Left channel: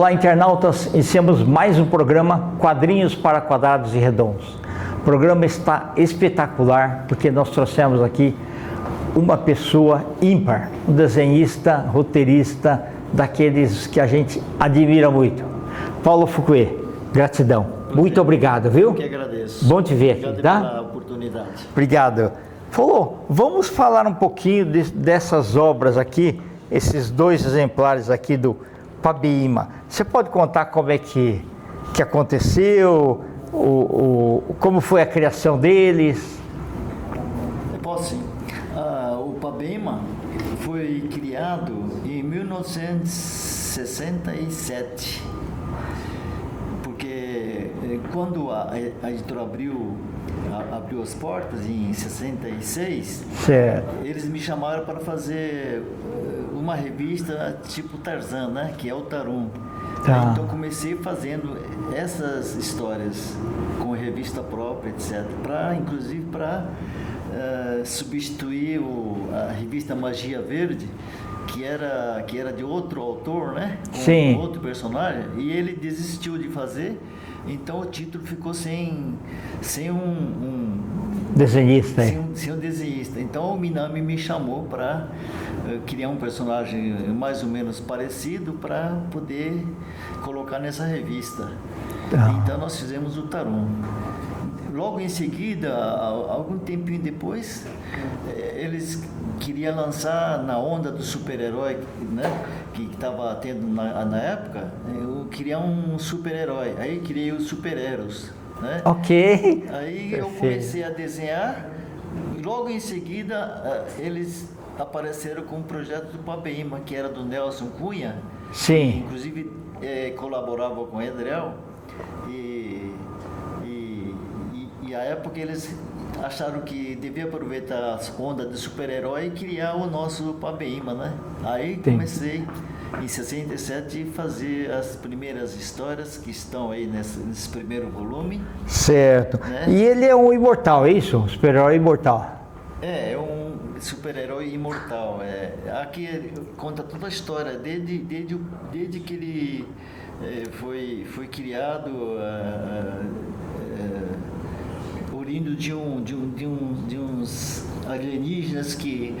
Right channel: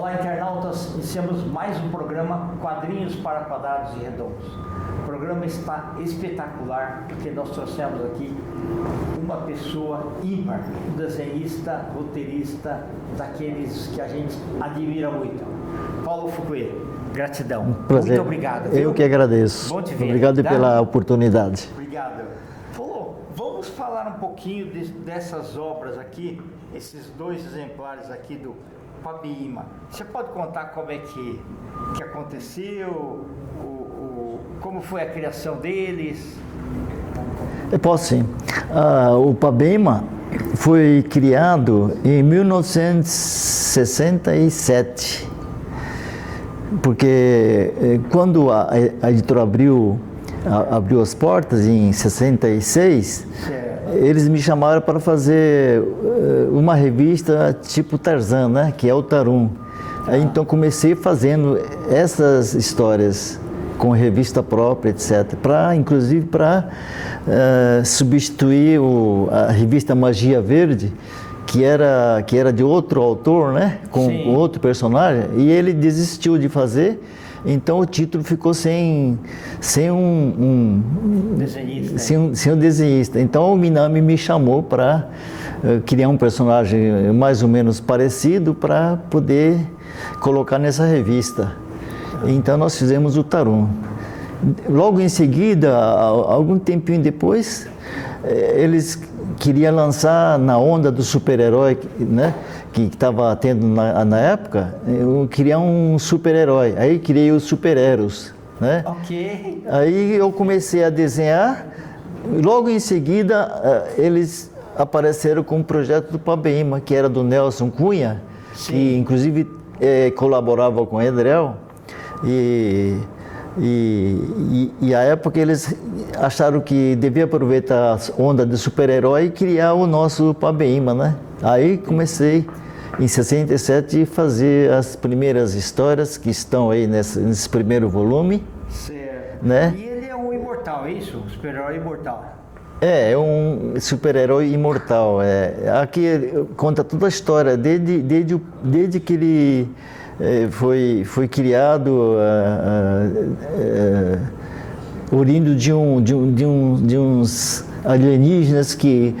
Olá, internautas, iniciamos mais um programa Quadrinhos para Quadrados e Redondos. O programa está espetacular porque nós trouxemos aqui uma pessoa ímpar, um desenhista, roteirista, daqueles que a gente admira muito. Paulo Fouquet, gratidão. Prazer. Muito obrigado, viu? Eu que agradeço. Bom te ver. Obrigado tá? pela oportunidade. Obrigado. Paulo, vamos falar um pouquinho dessas obras aqui, esses dois exemplares aqui do Pabeima. Você pode contar como é que aconteceu, como foi a criação deles? Eu posso sim. O Pabeima foi criado em 1967, porque quando a editora abriu as portas em 66, certo. Eles me chamaram para fazer uma revista tipo Tarzan, né? Que é o Tarum. Tá. Aí, então comecei fazendo essas histórias com revista própria, etc. Inclusive para substituir a revista Magia Verde, que era de outro autor, né? Com Sim. outro personagem, e ele desistiu de fazer. Então o título ficou sem um Desenhista. sem um desenhista. Então o Minami me chamou para criar um personagem mais ou menos parecido para poder colocar nessa revista. Então nós fizemos o Tarum. Logo em seguida, algum tempinho depois, eles queriam lançar na onda do super-herói, né? Que estava tendo na época, eu queria um super-herói. Aí criei os super-heróis, né? Ok. Aí eu comecei a desenhar. Logo em seguida, eles apareceram com o projeto do Pabeima, que era do Nelson Cunha, Sim. que inclusive colaborava com o Edrel. E a época eles acharam que devia aproveitar a onda do super-herói e criar o nosso Pabeima, né? Aí comecei em 67 a fazer as primeiras histórias que estão aí nesse primeiro volume. Certo. Né? E ele é um imortal, é isso? Um super-herói imortal. É um super-herói imortal. Aqui conta toda a história, desde que ele foi criado, oriundo de uns alienígenas que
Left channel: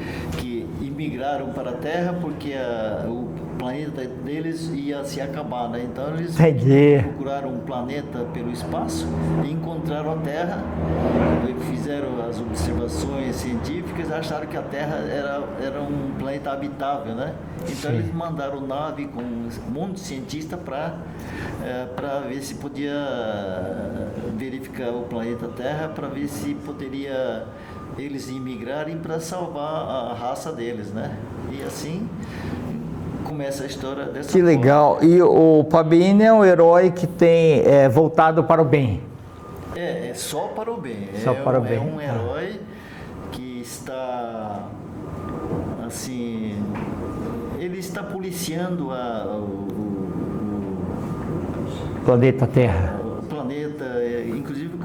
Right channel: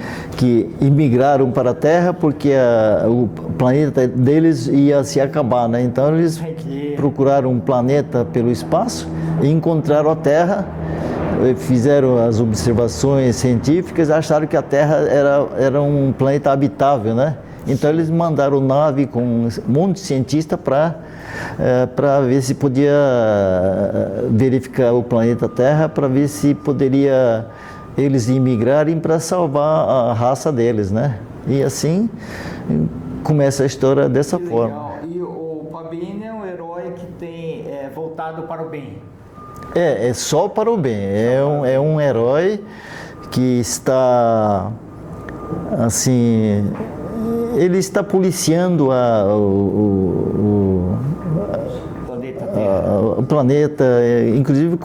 imigraram para a Terra porque o planeta deles ia se acabar, né? Então eles procuraram um planeta pelo espaço e encontraram a Terra, fizeram as observações científicas e acharam que a Terra era um planeta habitável, né? Então eles mandaram nave com um monte de cientistas para ver se podia verificar o planeta Terra, para ver se poderia eles imigrarem para salvar a raça deles, né? E assim começa a história dessa forma. Que legal. E o Pabeima é um herói que tem voltado para o bem. É só para o bem. Bem. Um herói que está assim, ele está policiando o planeta Terra. O planeta, inclusive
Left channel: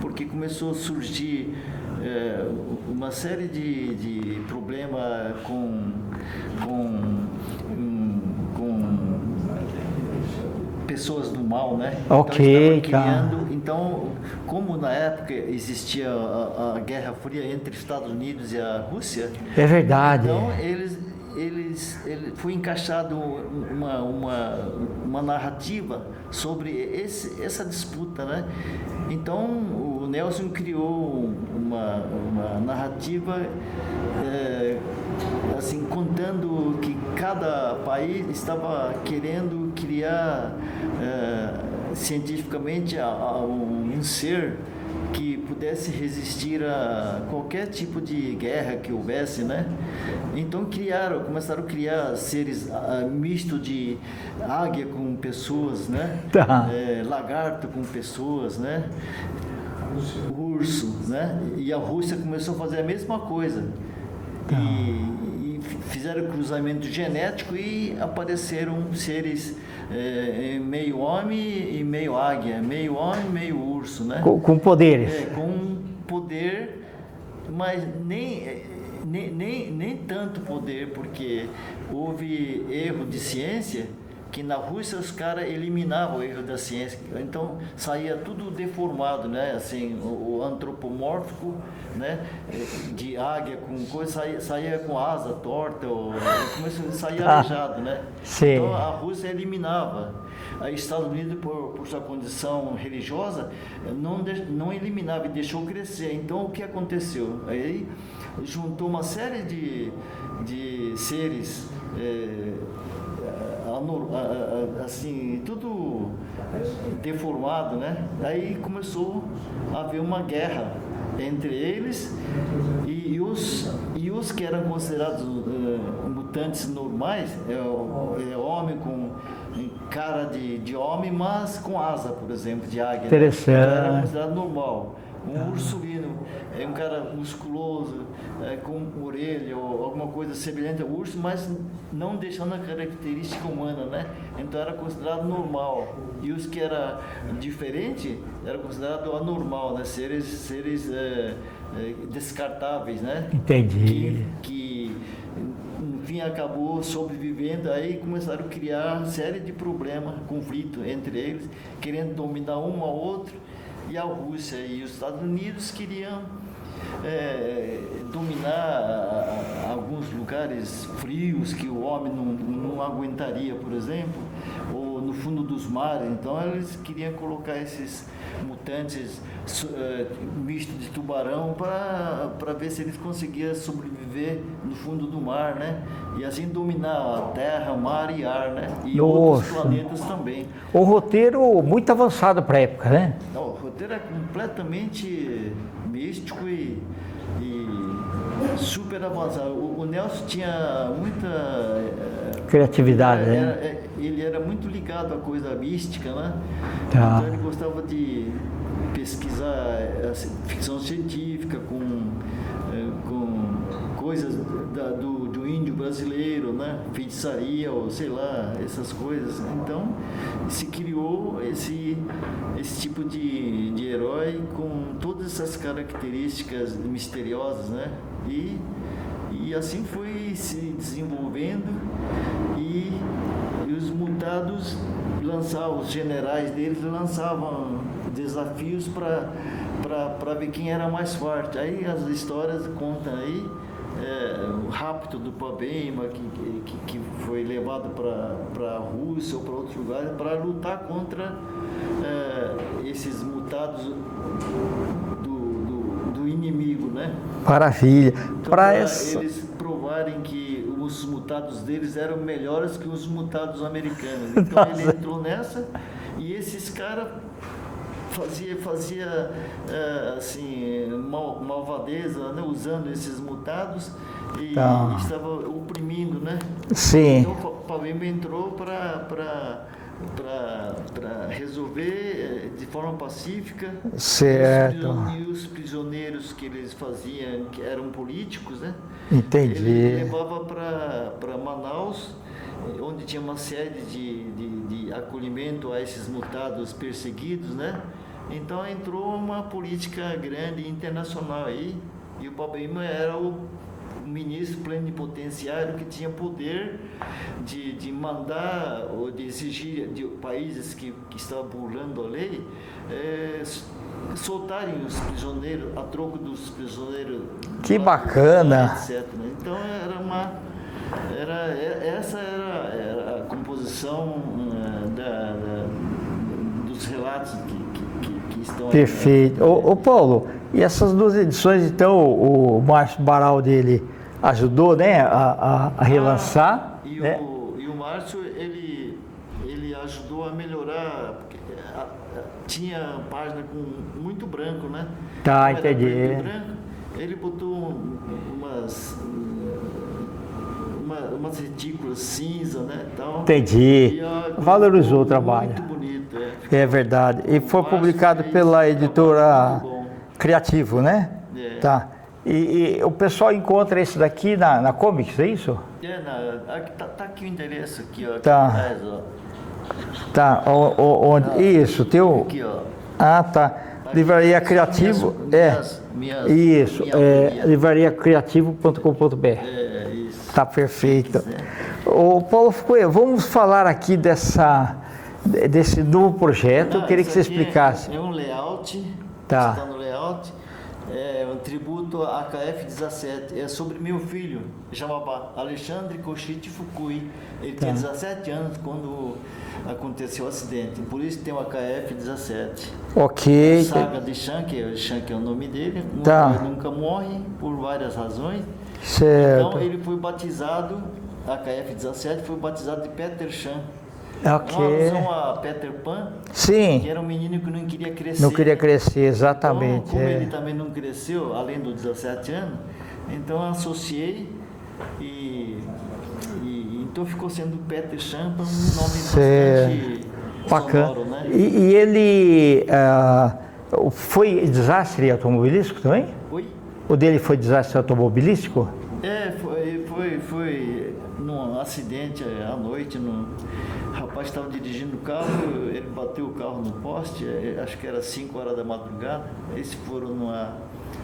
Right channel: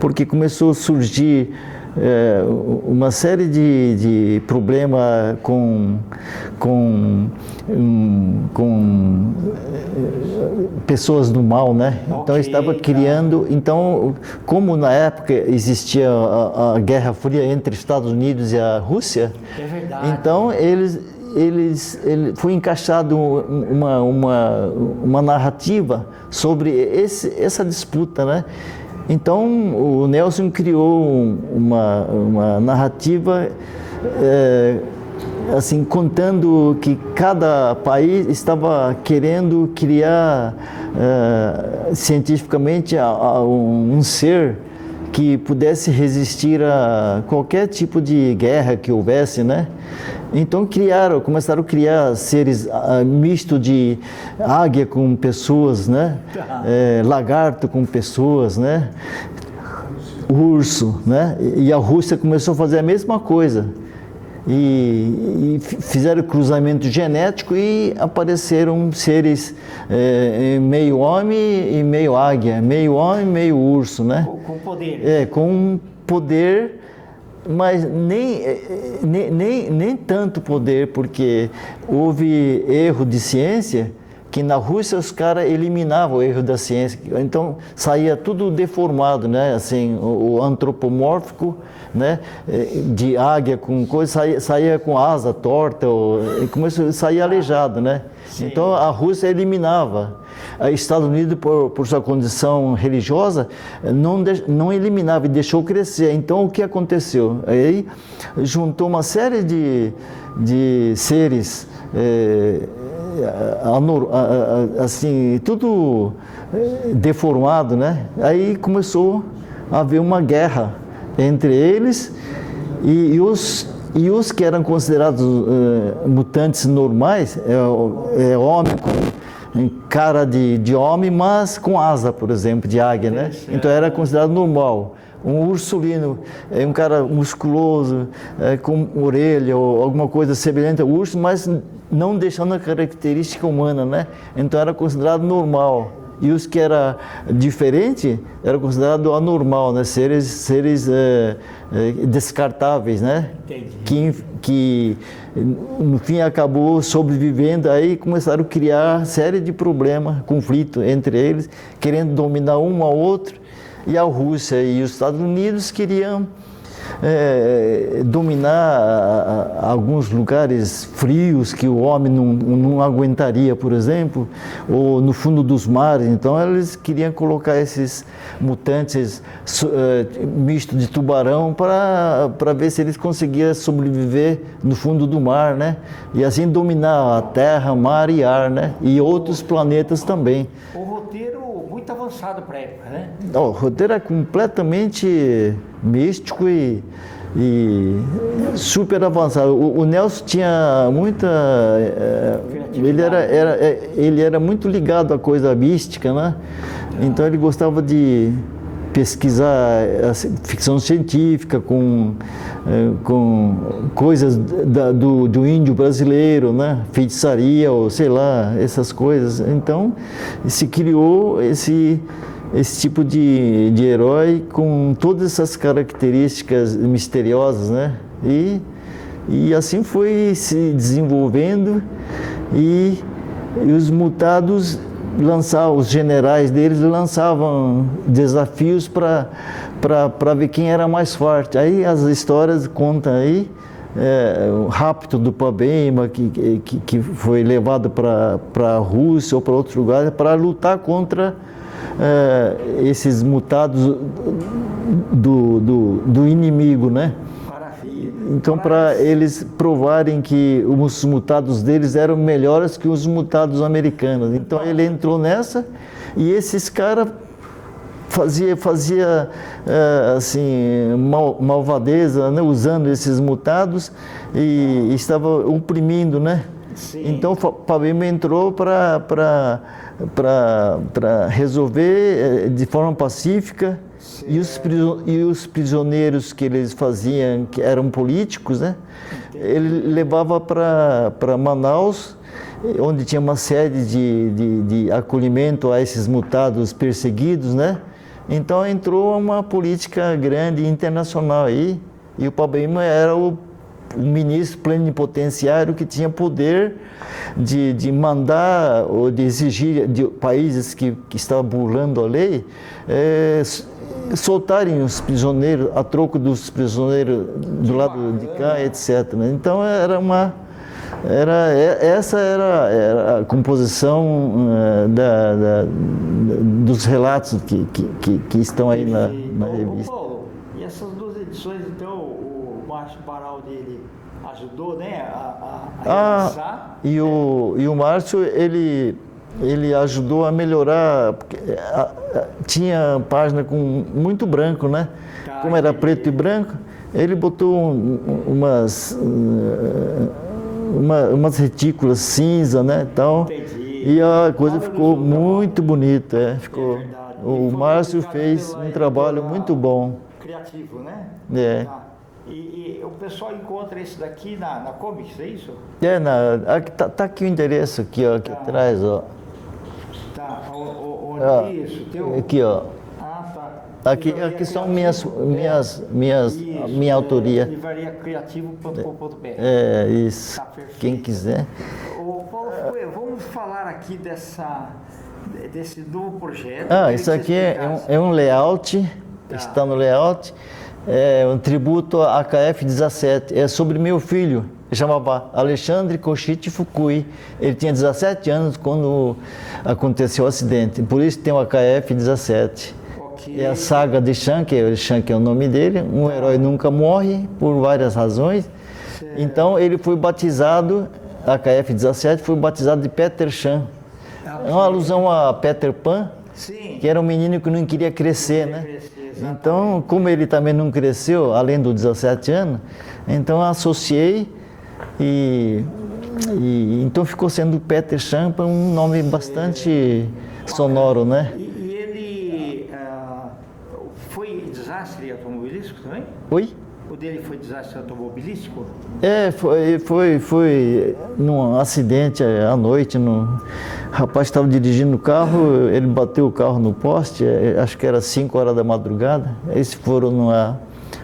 porque começou a surgir uma série de problemas com pessoas do mal, né? Então estava criando. Então, como na época existia a Guerra Fria entre Estados Unidos e a Rússia, é verdade. Então ele foi encaixado uma narrativa sobre essa disputa, né? Então o Nelson criou uma narrativa assim, contando que cada país estava querendo criar cientificamente um ser que pudesse resistir a qualquer tipo de guerra que houvesse, né? Então começaram a criar seres misto de águia com pessoas, né? Tá. Lagarto com pessoas, né? Urso, né? E a Rússia começou a fazer a mesma coisa. E fizeram cruzamento genético e apareceram seres meio homem e meio águia, meio homem e meio urso, né? Com poderes. Com poder, mas nem tanto poder, porque houve erro de ciência que na Rússia os caras eliminavam o erro da ciência, então saía tudo deformado, né? Assim, o antropomórfico, né? De águia com coisa, saía com asa torta, saía aleijado, né? Sim. Então a Rússia eliminava. Estados Unidos, por sua condição religiosa, não eliminava e deixou crescer. Então, o que aconteceu? Aí juntou uma série de seres, assim, tudo deformado, né? Aí começou a haver uma guerra entre eles e os que eram considerados mutantes normais, homem com cara de homem, mas com asa, por exemplo, de águia, né? Então era considerado normal. Um ursulino é um cara musculoso, com orelha ou alguma coisa semelhante ao urso, mas não deixando a característica humana, né? Então era considerado normal. E os que era diferente era considerado anormal, né? Seres descartáveis, né? Entendi. Que no fim acabou sobrevivendo, aí começaram a criar série de problemas, conflito entre eles, querendo dominar um ao outro, e a Rússia e os Estados Unidos queriam dominar alguns lugares frios que o homem não aguentaria, por exemplo, ou no fundo dos mares. Então eles queriam colocar esses mutantes misto de tubarão para ver se eles conseguiam sobreviver no fundo do mar, né? E assim dominar a terra, mar e ar, né? E outros planetas também. O roteiro muito avançado para a época, né? O roteiro é completamente místico e super avançado. O Nelson tinha muita criatividade. Ele era muito ligado à coisa mística, né? Então ele gostava de pesquisar ficção científica com coisas do índio brasileiro, né? Feitiçaria ou sei lá, essas coisas. Então se criou esse tipo de herói com todas essas características misteriosas, né? E assim foi se desenvolvendo e os mutados os generais deles lançavam desafios para ver quem era mais forte. Aí as histórias contam aí o rapto do Pabema, que foi levado para a Rússia ou para outros lugares para lutar contra esses mutados do inimigo, né? Maravilha. Então, para eles provarem que os mutados deles eram melhores que os mutados americanos. Então, ele entrou nessa e esses caras fazia assim, malvadeza, né? Usando esses mutados e estava oprimindo, né? Sim. Então, Pabema entrou para resolver de forma pacífica. E os prisioneiros que eles faziam, que eram políticos, né? Entendi. Ele levava para Manaus, onde tinha uma sede de acolhimento a esses mutados perseguidos, né? Então entrou uma política grande internacional aí, e o Pabema era o ministro plenipotenciário que tinha poder de mandar ou de exigir de países que estavam burlando a lei soltarem os prisioneiros a troco dos prisioneiros que bacana, etc. Então essa era a composição dos relatos que estão aí. Perfeito. Ô Paulo, e essas duas edições, então, o Márcio Baraldi, ele ajudou, né, a relançar? E o Márcio, ele ajudou a melhorar, porque tinha página com muito branco, né? Como era preto e branco, ele botou umas retículas cinza, né? Então, entendi. E a coisa valorizou ficou muito bonita. É verdade. E foi publicado pela editora muito bom. Criativo, né? Tá. E o pessoal encontra esse daqui na Comics, é isso? Tá aqui o endereço aqui, ó, aqui atrás, ó. Tá, onde? Isso, teu? Aqui, ó. Ah, tá. Livraria aqui são Criativo. Minha autoria. Livrariacriativo.com.br. Isso. Tá perfeito. Quem quiser. Ô Paulo Fucoia, vamos falar aqui desse novo projeto. Eu queria que você explicasse. É um layout, Tá. está no layout, é um tributo à KF-17. É sobre meu filho, chamava Alexandre Koshite Fukui. Ele tinha 17 anos quando aconteceu o acidente, por isso tem o KF-17. Ok. É a saga de Shank é o nome dele. Um herói nunca morre, por várias razões. Certo. Então ele foi batizado, a KF-17 foi batizado de Peter Chan. Ok. É uma alusão a Peter Pan, Sim. que era um menino que não queria crescer. Não queria né? crescer, exatamente. Então, como ele também não cresceu, além dos 17 anos, então eu associei e então ficou sendo Peter Chan um nome bastante sonoro, né? E ele foi desastre automobilístico também? Oi? O dele foi desastre automobilístico? Foi num acidente à noite. O rapaz estava dirigindo o carro, ele bateu o carro no poste, acho que era 5 horas da madrugada. Eles foram numa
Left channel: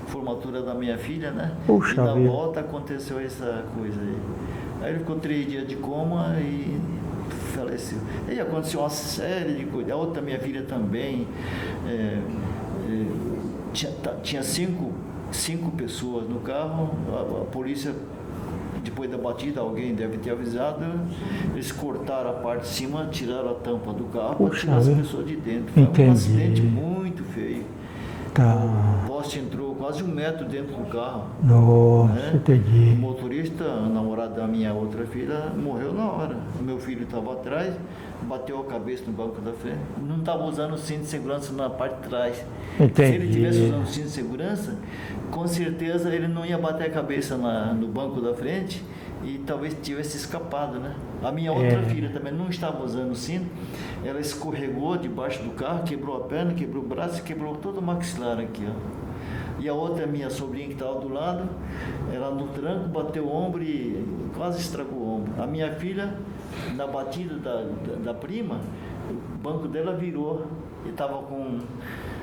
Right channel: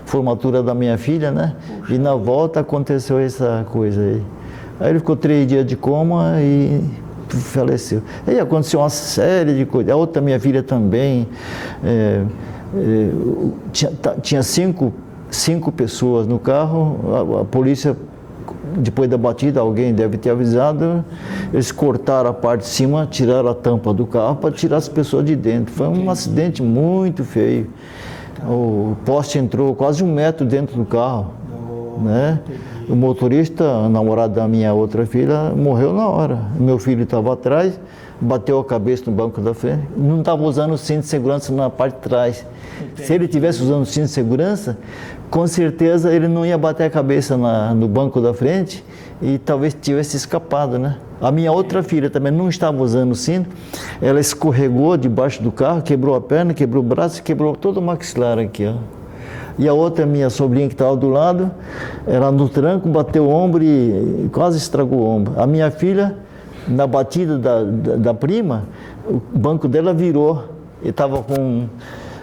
formatura da minha filha, né? Puxa e na vida. volta aconteceu essa coisa aí. Aí ele ficou 3 dias de coma e faleceu. Aí aconteceu uma série de coisas. A outra minha filha também. Tinha cinco pessoas no carro, a polícia, depois da batida, alguém deve ter avisado, eles cortaram a parte de cima, tiraram a tampa do carro para tirar as pessoas de dentro. Foi Entendi. um acidente muito feio. Tá. O poste entrou quase 1 metro dentro do carro. Nossa, Né? entendi. O motorista, o namorado da minha outra filha, morreu na hora. O meu filho estava atrás, bateu a cabeça no banco da frente, não estava usando o cinto de segurança na parte de trás. Entendi. Se ele tivesse usando o cinto de segurança, com certeza ele não ia bater a cabeça no banco da frente e talvez tivesse escapado, né? A minha outra filha também não estava usando o cinto, ela escorregou debaixo do carro, quebrou a perna, quebrou o braço, quebrou todo o maxilar aqui, ó. E a outra, minha sobrinha que estava do lado, ela no tranco, bateu o ombro e quase estragou o ombro. A minha filha, na batida da prima, o banco dela virou e estava com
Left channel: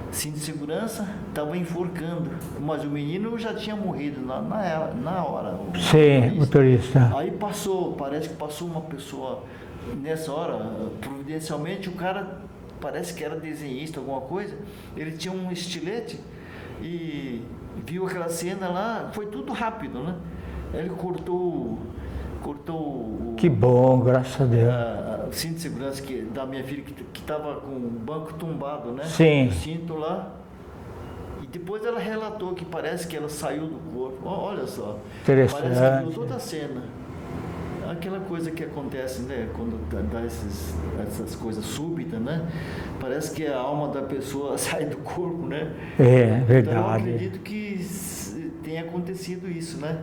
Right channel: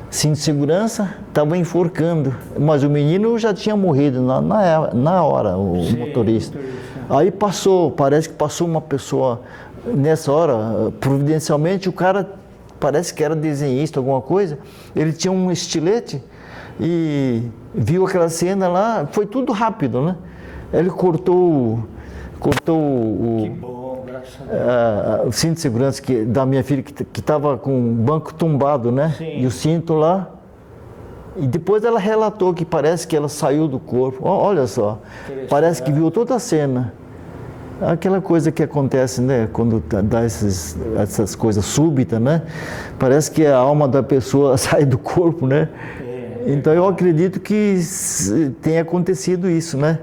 cinto de segurança, estava enforcando. Mas o menino já tinha morrido na hora, o motorista. Aí parece que passou uma pessoa, nessa hora, providencialmente, o cara parece que era desenhista, alguma coisa, ele tinha um estilete e viu aquela cena lá, foi tudo rápido, né? Ele cortou o... Que bom, graças a Deus. O cinto de segurança da minha filha, que estava com o banco tombado, né? Sim. E o cinto lá. E depois ela relatou que parece que ela saiu do corpo. Olha só, parece que viu toda a cena. Aquela coisa que acontece, né? Quando dá essas coisas súbitas, né? Parece que a alma da pessoa sai do corpo, né? Então eu acredito que tenha acontecido isso, né?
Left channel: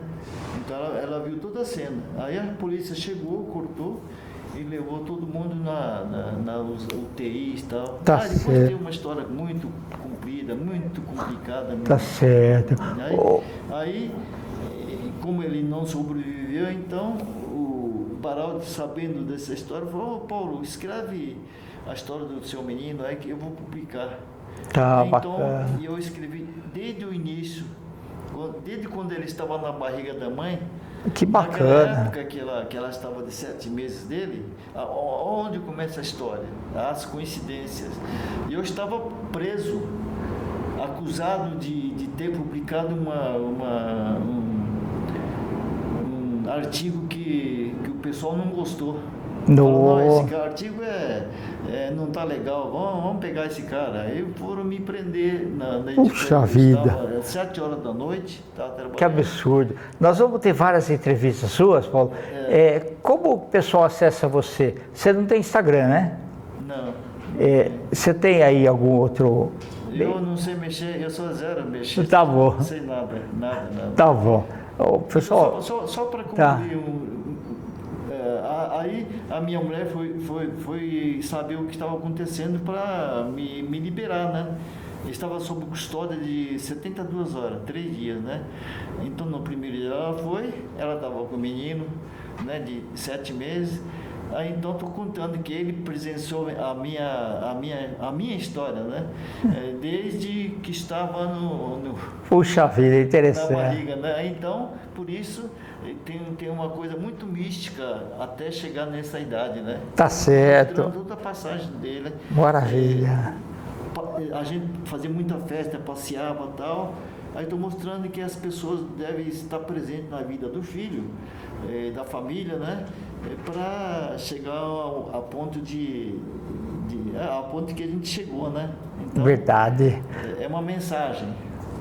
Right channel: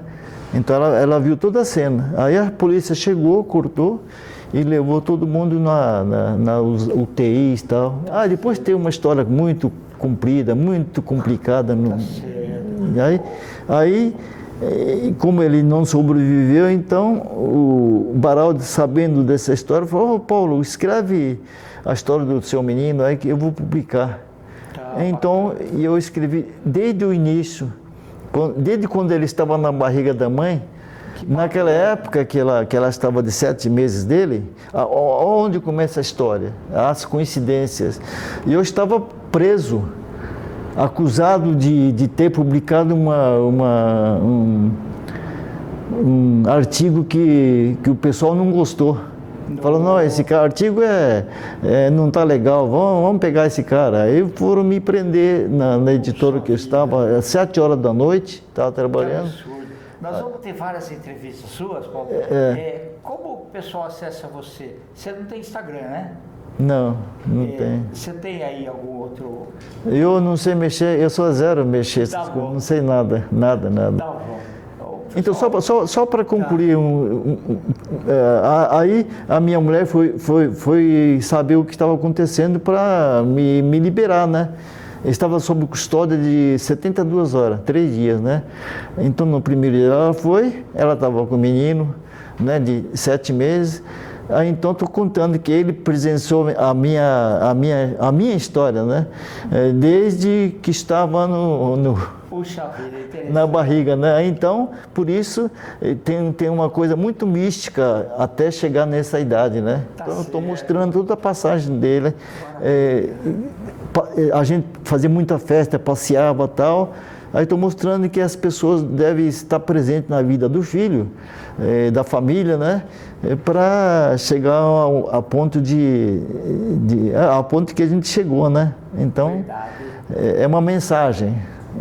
Então ela viu toda a cena. Aí a polícia chegou, cortou e levou todo mundo na UTI e tal. Tá depois certo. tem uma história muito comprida, muito complicada. Tá certo. Aí, como ele não sobreviveu, então o Baraldi, sabendo dessa história, falou: Paulo, escreve a história do seu menino aí que eu vou publicar. Tá, então bacana. eu escrevi desde o início. Desde quando ele estava na barriga da mãe, Que naquela bacana. época que ela estava de 7 meses dele, onde começa a história? As coincidências. E eu estava preso, acusado de ter publicado um artigo que o pessoal não gostou. Falou: não, esse artigo não está legal, vamos pegar esse cara. Aí foram me prender na editora que eu estava, às 7 horas da noite, estava trabalhando. Que absurdo. Nós vamos ter várias entrevistas suas, Paulo. Como o pessoal acessa você? Você não tem Instagram, né? Não tem. Você tem aí algum outro... Eu não sei mexer, eu sou zero mexer. Tá bom. Não sei nada. Tá bom. Pessoal, então, só para concluir, aí a minha mulher foi saber o que estava acontecendo para me liberar, né? Eu estava sob custódia de 72 horas, 3 dias, né? Então, no primeiro dia ela estava com o menino, né, de 7 meses, Aí, então estou contando que ele presenciou a minha história, né? Desde que estava Puxa vida, interessante. na barriga, né? Então, por isso, tem uma coisa muito mística até chegar nessa idade, né? Tá Então, certo. mostrando toda a passagem dele. Maravilha. A gente fazia muita festa, passeava e tal. Aí estou mostrando que as pessoas devem estar presentes na vida do filho, da família, né? Para chegar ao ponto ao ponto que a gente chegou, né? Então, Verdade. é uma mensagem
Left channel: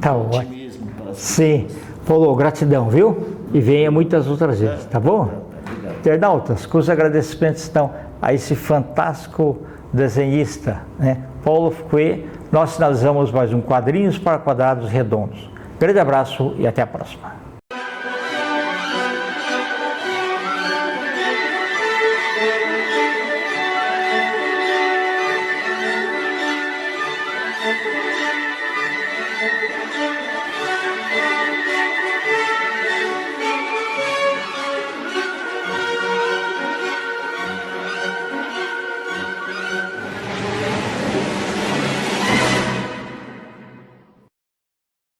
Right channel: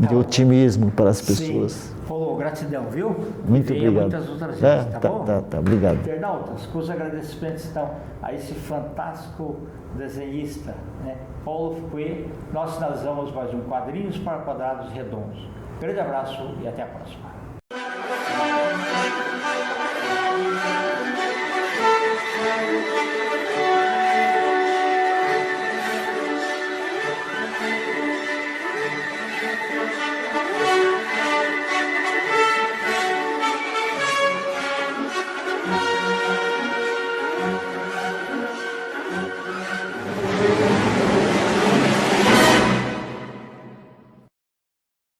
Tá de bom. otimismo para as pessoas. Sim. Paulo, gratidão, viu? E venha obrigado. muitas outras vezes, tá bom? Tá, obrigado. Internautas, com os agradecimentos estão a esse fantástico desenhista, né? Paulo Fouquet. Nós finalizamos mais um Quadrinhos para Quadrados Redondos. Grande abraço e até a próxima.